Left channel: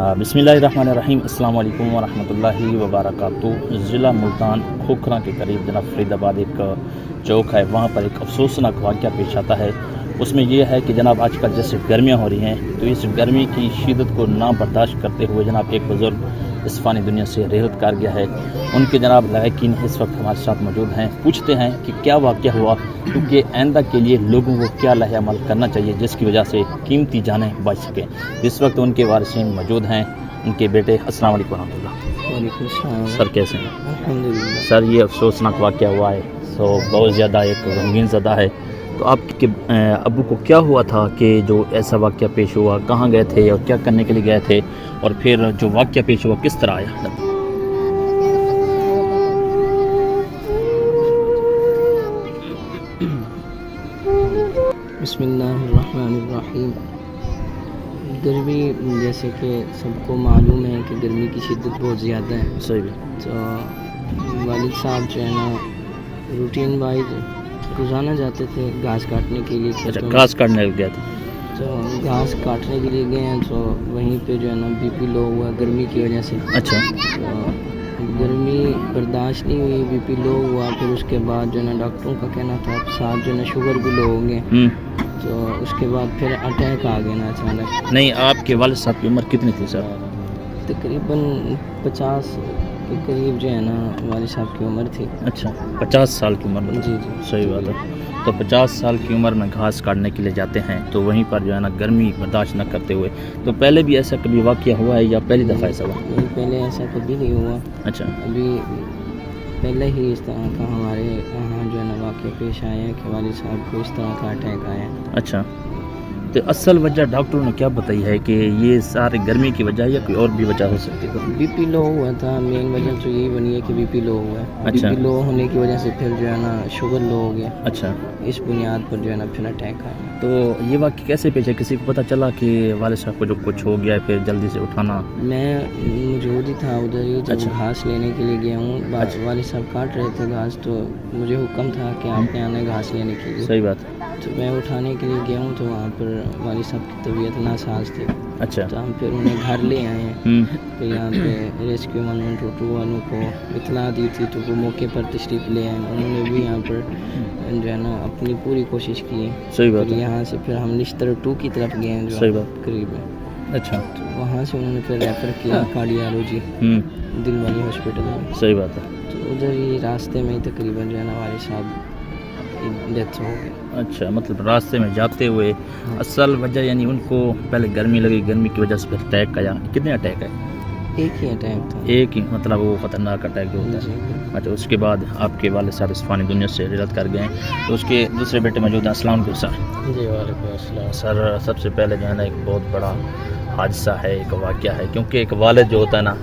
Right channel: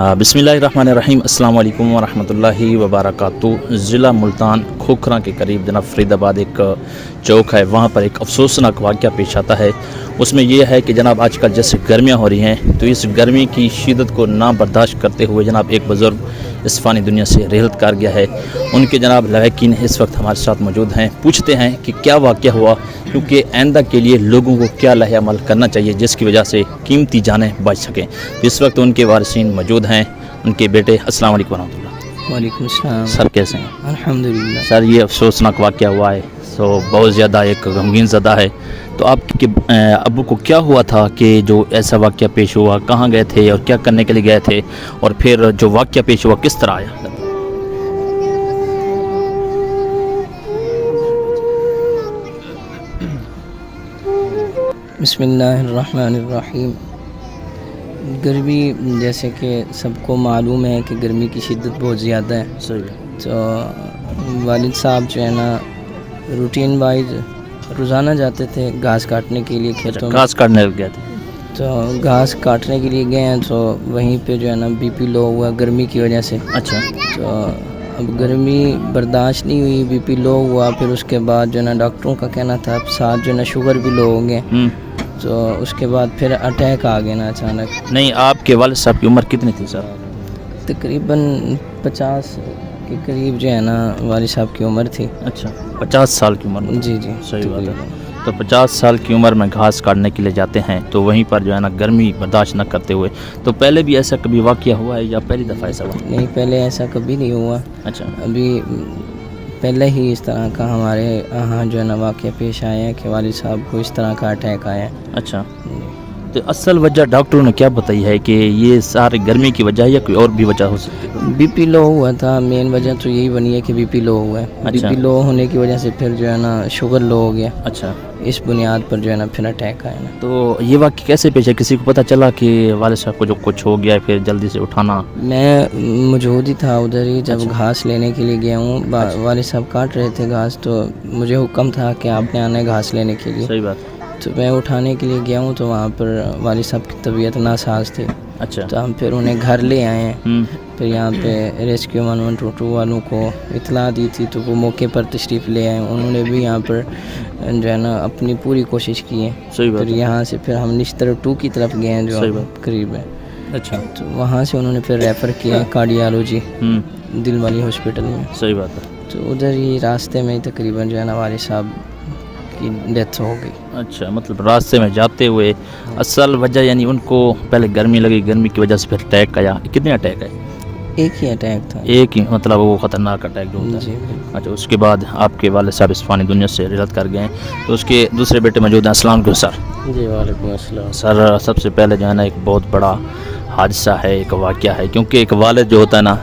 बिस्मिल्लाहिर्रहमानिर्रहीम अस्सलाम वालेकुम वरहमतुल्लाहि वबरकातुहू। ज़िला मुल्तान खोखरा के करीब जनाब फरीदाबाद एक चौक है, वहाँ पर एक अफसोसनाक वाक़या पेश आता है। उसमें यह है कि जनाब आजकल जैसे गर्मियाँ हो रही हैं, तो इस गर्मी की शिद्दत को ना बर्दाश्त करते हुए जनाब एक बुज़ुर्ग इस फ़ानी दुनिया से रेहलत कर गया है। उनके जनाब लवाकिन इस वक्त हमारे साथ मौजूद हैं। पूछते हैं कि क्या वाक़या हुआ, क्योंकि आइंदा के लिए लोगों को क्या लहे अमल करना चाहिए जिसकी वजह से कीमती जानें बच सकें। इस वक्त उनके वारिसीन मौजूद हैं, उनके बेटे। अस्सलाम वालेकुम रहमतुल्लाह। वालेकुम सलाम। सर कैसे हैं? अल्हम्दुलिल्लाह। सर ये अफसोसनाक वाक़या हुआ है, तो बहुत ज़्यादा एक गमगीन ज़दा है। तो आपके अब्बू को क्या हुआ था कि जो ऐसा वाक़या पेश हुआ, कहाँ गए थे और क्या करने के लिए गए थे, और फिर जो वाक़या पेश हुआ किस तरह आया? बिस्मिल्लाहिर्रहमानिर्रहीम। गर्मी जैसे कि सबको मालूम है कि गर्मी की शिद्दत बहुत ज़्यादा है। सही है। तो वालिद साहब जो है ना रूटीन वाइज रोज़ाना जाते थे घास काटने के लिए खेतों में। घास काटने गए थे? तो घास काटने के लिए गए हैं, तो वहीं पे जो है ना बीपी लो हुआ गर्मी की वजह से। अच्छा। तो अब गर्मी बर्दाश्त नहीं हुई, बीपी लो हुआ, फिर उसके बाद जो है ना डॉक्टरों का कहना था साथ जो है ना शुगर भी लो होंगे। तो उसके बाद फिर अटैक आ गया ना अचानक। नहीं, आपके वालिद साहब की उम्र कितनी थी सर? तकरीबन 50 के करीब जो है ना वालिद साहब की उम्र थी। अच्छा, 50 साल की उम्र में? जी जी, सही बात है। तो 50 साल की उम्र में घास काटने के लिए जाते हैं, तो वहीं पर जो है ना गर्मी बर्दाश्त न करते हुए। तो पहले भी ऐसा कभी वाक़या हुआ है या पहली दफ़ा ऐसा हुआ? नहीं, पहले ऐसा कभी नहीं हुआ। अच्छा। अभी पहले ही इस तरह का हमारे यहाँ जो है ना वाक़या पेश आए हैं कि वालिद साहब को इस तरह का अटैक आया है। अच्छा, तो असल वजह डॉक्टरों ने क्या बताई है कि ये सारी गर्मी की वजह है या कोई और भी वजह हो सकती है? बीपी लो हुआ था, मेन वजह तो यही बनी है कि बीपी लो हुआ है। अच्छा। बीपी लो होने की वजह से फिर जो है ना शुगर लो हो गया। अच्छा। इस बुनियाद पर जो है ना फिर अटैक आया। तो ये वाक़या कैसे पेश है? किसी को पता चला कि वालिद साहब को जो कुछ हो गया है, फिर जल्दी से उठाना? मैं मौजूद ही था उधर ही जब अच्छा। घास लेने के लिए गया हूँ। अच्छा। वालिद साहब काट रहे थे घास, तो मुझे हुक्म था कि आपने आना है घास लेने के लिए। सही बात है। तो मैं उठाने के लिए गया हूँ, तो वहाँ पर वालिद साहब की तबीयत नासाज थी। अच्छा। तो हम फिर उन्हें घर ले आए हैं। फिर यहाँ पे रेस्क्यू 112 वालों को इतला दी थी, तो वो मौके पर तशरीफ़ ले आए। उन्होंने भी यहाँ पर जो है ना अपनी पूरी कोशिश की है। सही बात फिर है। यहाँ से फिर हम निश्तर 2 की तरफ गए हैं, सही जो बात। करीब है। अच्छा। तो वहाँ से उन्होंने फिर रेफ़र किया है कार्डियोलॉजी दिल वाली हॉस्पिटल में। सही बात है। तो उधर ही रास्ते में ही तकरीबन जो है ना वालिद साहब की डेथ हो गई। अच्छा, मतलब रास्ते में जाते हुए असल वजह यानी उनको पहले गर्मी लगी, गर्मी की वजह से फिर अटैक आया। कितने अटैक है? एक ही अटैक था। एक ही, मतलब वो ख़तरनाक अटैक जो होता जी। है। अच्छा, उसके बाद आपके वालिद साहब इस फ़ानी दुनिया से रिहलत कर गए हैं। तो उसके दूसरे बेटे मौजूद हैं। अस्सलाम वालेकुम सर। जी वालेकुम अस्सलाम। सर सबसे पहले जो है ना एक बहुत बड़ा हादसा है, एक वाक़या है, क्योंकि एक वालिद जो होता है ना,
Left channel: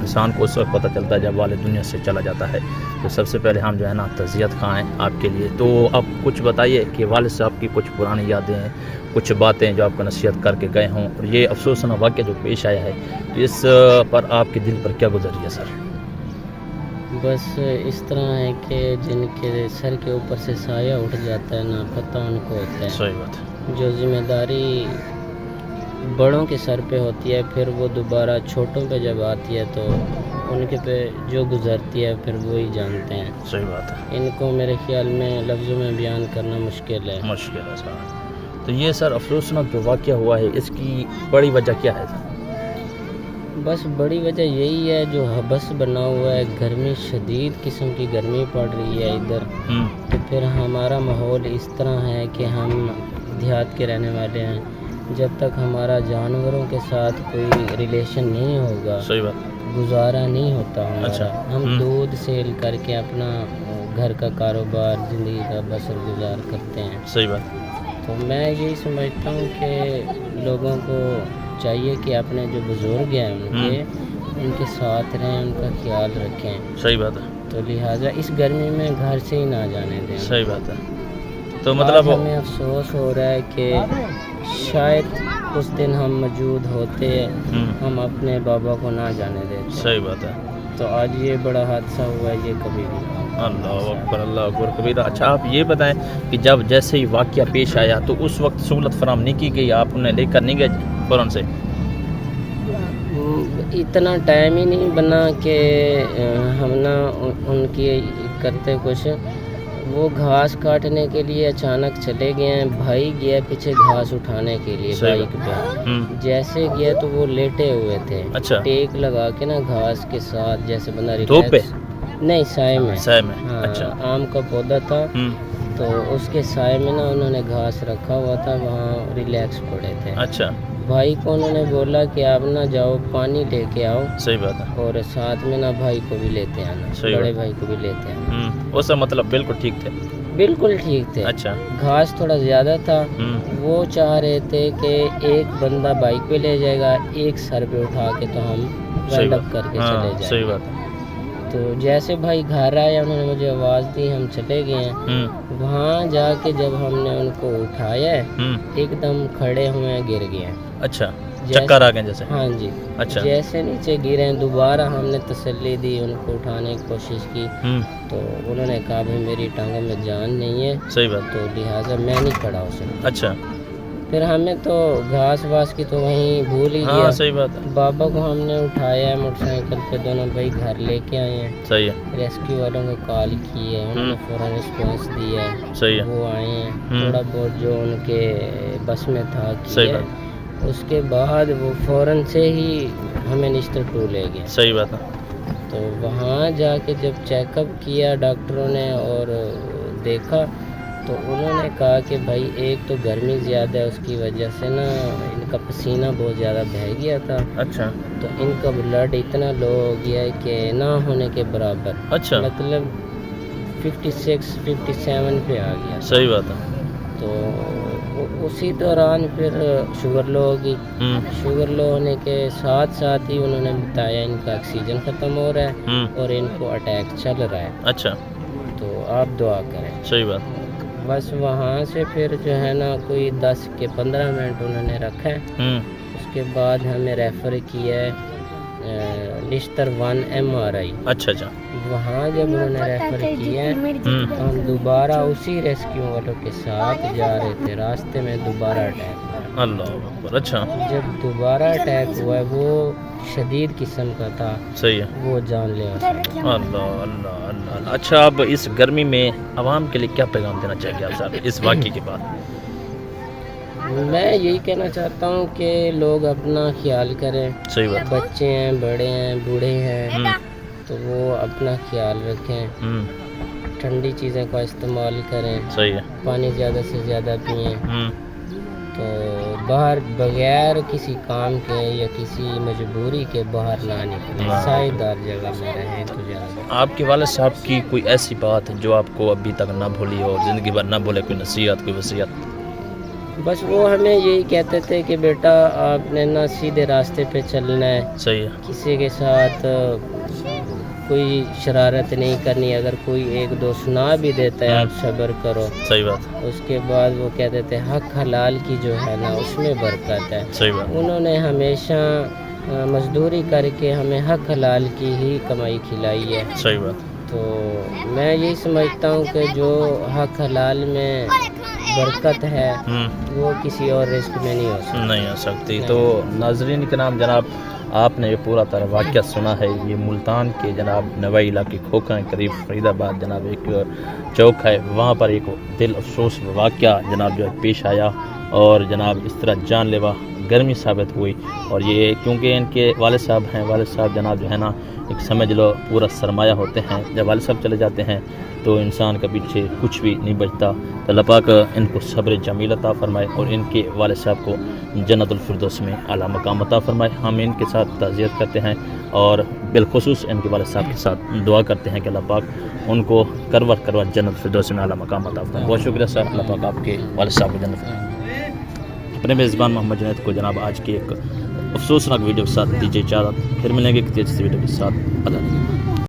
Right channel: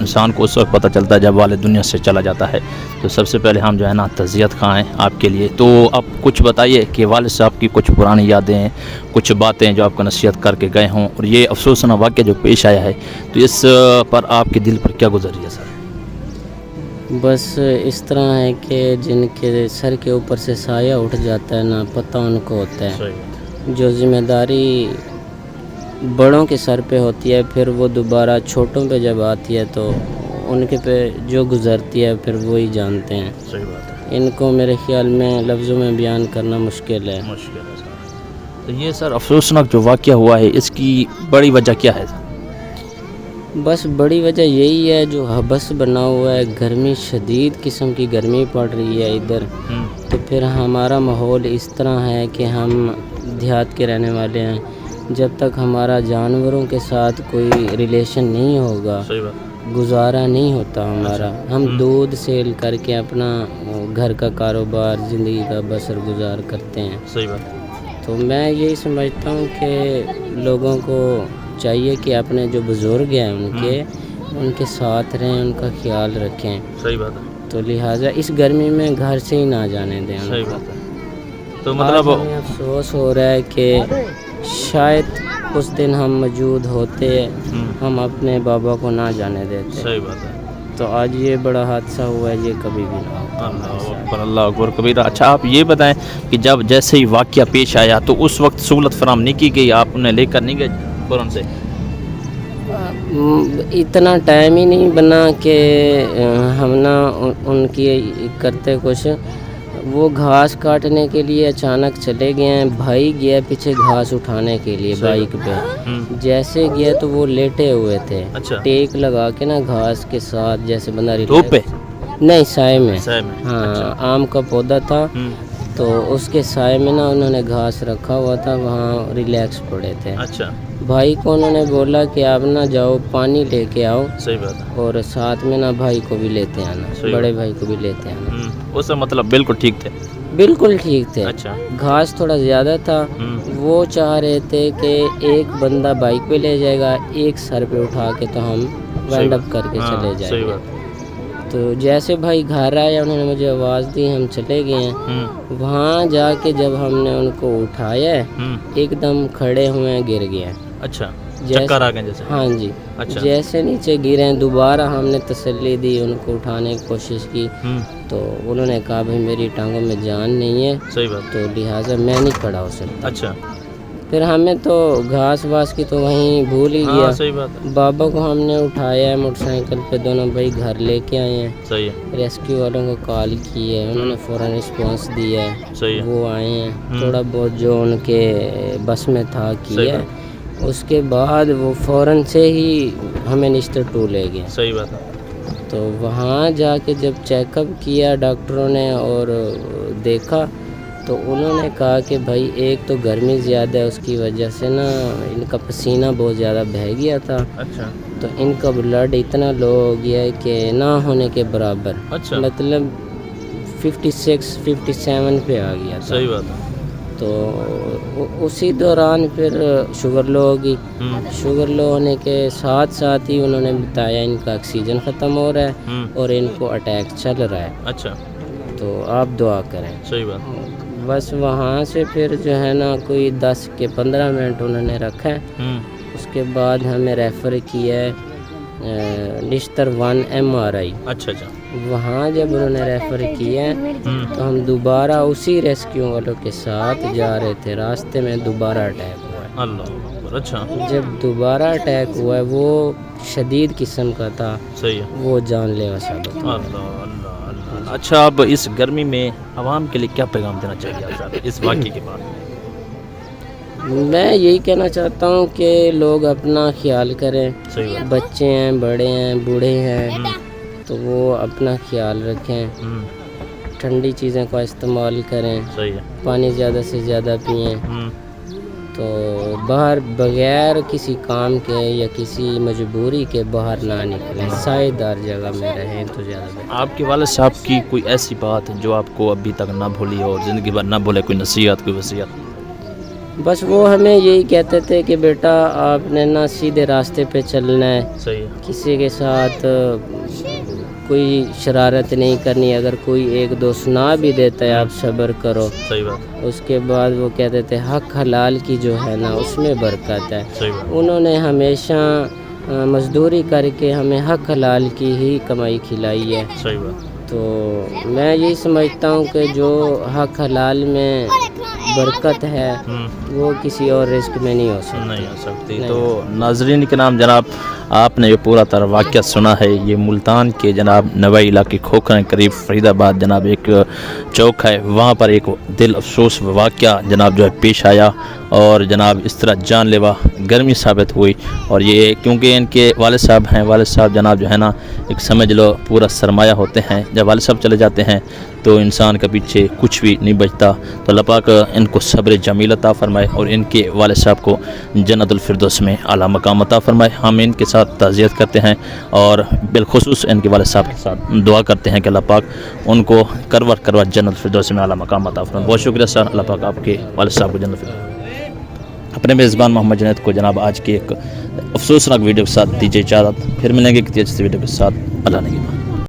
इंसान को उस वक्त पता चलता है जब वालिद दुनिया से चला जाता है। तो सबसे पहले हम जो है ना तज़ियत खां हैं आपके लिए। तो आप कुछ बताइए कि वालिद साहब की कुछ पुरानी यादें, कुछ बातें जो आपको नसीहत करके गए हों, और ये अफसोसनाक वाक़या जो पेश आया है, तो इस पर आपके दिल पर क्या गुजर गया सर? बस इस तरह है कि जिनके सर के ऊपर से साया उठ जाता है ना, पता उनको होता है। सही बात है। जो जिम्मेदारी बड़ों के सर पे होती है, फिर वो दोबारा छोटों पे जब आती है तो उनके पे जो गुजरती है फिर वो ही जानते हैं। सही बात है। इनको मेरे ख्याल में लफ्ज़ों में बयान करना मुश्किल है। मुश्किल है सर। तो ये सर अफसोसनाक जो वाक़या हुआ है, इसकी बड़ी वजह क्या है सर? बस बड़ी वजह यही है जो हबस बना हुआ है, गर्मी शदीद किस्म की गर्मी पड़ रही है इधर। तो फिर हमारा माहौल इस तरह है कि हम देहात के रहने वाले हैं। जब तक हमारा जानवरों के साथ कोई रिलेशन नहीं होगा, सही बात, गुजारा नहीं होता हमारा। अच्छा। हम दूध सेल करके अपना घर का कारोबार, ज़िंदगी का बसर गुजार करते हैं। सही बात। तो मैं यही समझता हूँ कि लोगों को चाहिए कि अपने जो बुज़ुर्ग हैं उनके साथ रहें, उनका ख्याल रखें। सही बात है। तो लिहाजा इस गर्मी में घर से ही ना जाने दें। सही बात है। तो मतलब हमें अफसोस हो रहा है कि शायद उस दिन हम मौजूद होते, हम अपने बाबा को ना जाने देते। सही बात है। तो आज ये बड़ा हादसा हुआ है, ये कभी भी। अल्लाह अकबर, अल्लाह अकबर कबीरा। अच्छा, आप ये बताएं कि जब जैसे ही वाक़या पेश आया तो उस वक्त सहूलत फराहम नहीं की गई, आप उन्हें लेकर नहीं गए फ़ौरन से? اتنا ٹائم ہی نہیں بنا کہ ہم نا ان کی کرتے کچھ. وہ گھاس کاٹنے کے لیے اچانک چلے گئے ہیں. بھائی گیا پیچھے گھاس اٹھانے کے لیے بائک پہ. جیسے گیا تو وہ لیٹے ہوئے تھے. اچھا. ٹیک لگا کے نا گھاس کے ساتھ جیسے بندہ دھوپ پہ نہیں سائے میں. ہاں آم کا پودا تھا تو اس کے سائے میں نا انہوں نے گھاس رکھا ہوا تھا, وہاں ریلیکس پڑے تھے. اچھا. بھائی کو انہوں نے بولا کہ آپ نہ جاؤ پانی لے کے آؤ. صحیح بات ہے. اور ساتھ میں نا بھائی کو بھی لیتے آنا, بڑے بھائی کو بھی لیتے آنا. وہ سب مطلب بالکل ٹھیک تھے. بالکل ٹھیک تھے. اچھا. گھاس تھوڑا زیادہ تھا. وہ چاہ رہے تھے کہ ایک بندہ بائک پہ لے جائے گا, ایک سر پہ اٹھا کے تو ہم راؤنڈ اپ کر کے چلے جائیں. صحیح بات. تو جیسے بھائی گھر آئے انہوں نے مجھے آواز دی, ہم چلے گئے ہیں. وہاں جا کے جب ہم نے ان کو اٹھایا ایک دم کھڑے ہوئے ہیں, گر گئے. اچھا. چکر آ گئے جیسے. ہاں جی. اچھا. جیسے نیچے گرے ہیں دوبارہ ہم نے تسلی دی, ان کو اٹھانے کی کوشش کی تو انہوں نے کہا بھائی میری ٹانگوں میں جان نہیں ہے. صحیح بات. تو لہٰذا میں نہیں کھڑا ہو سکتا. اچھا. پھر ہمیں تو گھاس واس کی تو وہیں بھول ہی گیا. صحیح بات. بابا کو ہم نے اٹھایا موٹر سائیکل پہ, دونوں بھائی گھر لے کے آئے ہیں. صحیح ہے. ریسکیو والوں کو کال کی ہے, انہوں نے فوراً رسپانس دیا ہے. صحیح ہے. وہ آئے ہیں, تھوڑا بہت جو ان کے بس میں تھا کیا ہے. اس کے بعد وہ فوراً سے ہی ہمیں نشتر ٹو لے گئے. صحیح بات ہے. تو وہاں جا کے جب چیک اپ کیا ڈاکٹروں نے اور دیکھا تو انہوں نے کہا کہ بھائی ایک تو گرمی زیادہ ہے, اس کی وجہ سے نا ان کا پسینہ بہت زیادہ بہہ گیا تھا. اچھا. تو ان کا بلڈ اتنا لو ہو گیا ہے کہ نہ ہونے کے برابر. اچھا. مطلب 56 57 پہ آ گیا. صحیح بات ہے. تو اسی دوران پھر شوگر لو ہوگی. شوگر لو ہونے کے ساتھ ساتھ ہی انہوں نے بتایا ان کا آکسیجن ختم ہو رہا ہے اور ان کو اٹیک چل رہا ہے. اچھا. تو آپ دعا کریں. صحیح بات. بس وہاں سے پھر جو ہے نا کوئی 10 کے 15 منٹ انہوں نے رکھا ہے. اس کے بعد ہمیں ریفر کیا ہے نشتر 1 MRI. اچھا. اچھا. وہاں جب انہوں نے ریفر کیا ہے تو ہم دوبارہ اسی ریسکیو والوں کے ساتھ جا رہے تھے, راستے میں دوبارہ اٹیک ہوا. اللہ. اچھا. جب دوبارہ اٹیک ہوا ہے وہ شدید قسم کا تھا. صحیح ہے. وہ جان لیوا ثابت. اللہ اللہ اللہ. اچھا, اب اس گرمی میں عوام کے لیے کیا پیغام دینا چاہیں گے آپ صاحب اس واقعے کے بعد؟ میں یہی کہنا چاہتا ہوں کہ لوگ اپنا خیال کریں. صحیح بات. بچے ہیں, بڑے ہیں, بوڑھے ہیں, تو وہ اپنا خیال رکھیں. ٹھنڈی چیزوں کا استعمال کریں. صحیح ہے. پانی زیادہ سے زیادہ پئیں. تو باہر بغیر کسی کام کے یا کسی مجبوری کے باہر نہ نکلیں. سائے دار جگہ میں رہیں تو زیادہ. آپ کے والد صاحب کی کوئی ایسی بات جو آپ کو ابھی تک نہ بھولی ہو, زندگی بھر نہ بھولے, کوئی نصیحت, کوئی وصیت؟ بس وہ ہمیں یہی کہتے تھے کہ بیٹا آپ نے نا سیدھے راستے پہ چلنا ہے. صحیح ہے. کسی کے ساتھ کوئی شرارت نہیں کرنی. اگر کوئی ایک دو سنا بھی دیتا ہے آپ صبر کرو. صحیح بات. اس کے بعد وہ کہتے تھے حق حلال کی جو ہے نا اس میں برکت ہے. صحیح بات. انہوں نے ہمیشہ مزدوری کر کے ہمیں حق حلال کی ہی کمائی کھلائی ہے. صحیح بات. تو میں یہی سمجھتا ہوں کہ جو حق حلال میں برکت ہے وہ کسی اور رزق میں نہیں ہو سکتی. تو ناظرین کے نام جناب, آپ نے یہ پورا طرح واقعہ سنا ہے. یہ ملتان کے جناب نوائی علاقے کھوکھرا قریب فرید آباد جناب ایک چوک ہے, وہاں پر ایک دل افسوس واقعہ جناب جو ہے پیش آیا اور جناب اس طرح جان لیوا گرمی ثابت ہوئی. اور یہ کیونکہ ان کے والد صاحب ہیں, والد صاحب جناب جو ہے نا ایک سمجھ لو پورا سرمایہ ہوتے ہیں. جب والد صاحب چلے جاتے ہیں تو انسان کے پیچھے کچھ بھی نہیں بچتا. تو اللہ پاک ان کو صبر جمیل عطا فرمائے اور ان کے والد صاحب کو جنت الفردوس میں اعلیٰ مقام عطا فرمائے. ہم ان کے ساتھ تعزیت کرتے ہیں اور بالخصوص ان کے والد صاحب کے ساتھ دعا کرتے ہیں کہ اللہ پاک ان کو کروٹ جنت الفردوس میں اعلیٰ مقام عطا فرمائے. بہت شکریہ سر. اللہ پاک آپ کے والد صاحب کو جنت الفردوس. اپنے میزبان محمد جنید کو جناب آج کی ایک افسوسناک ویڈیو کے ساتھ دیجیے اجازت. پھر ملیں گے کسی اچھی ویڈیو کے ساتھ. اللہ نے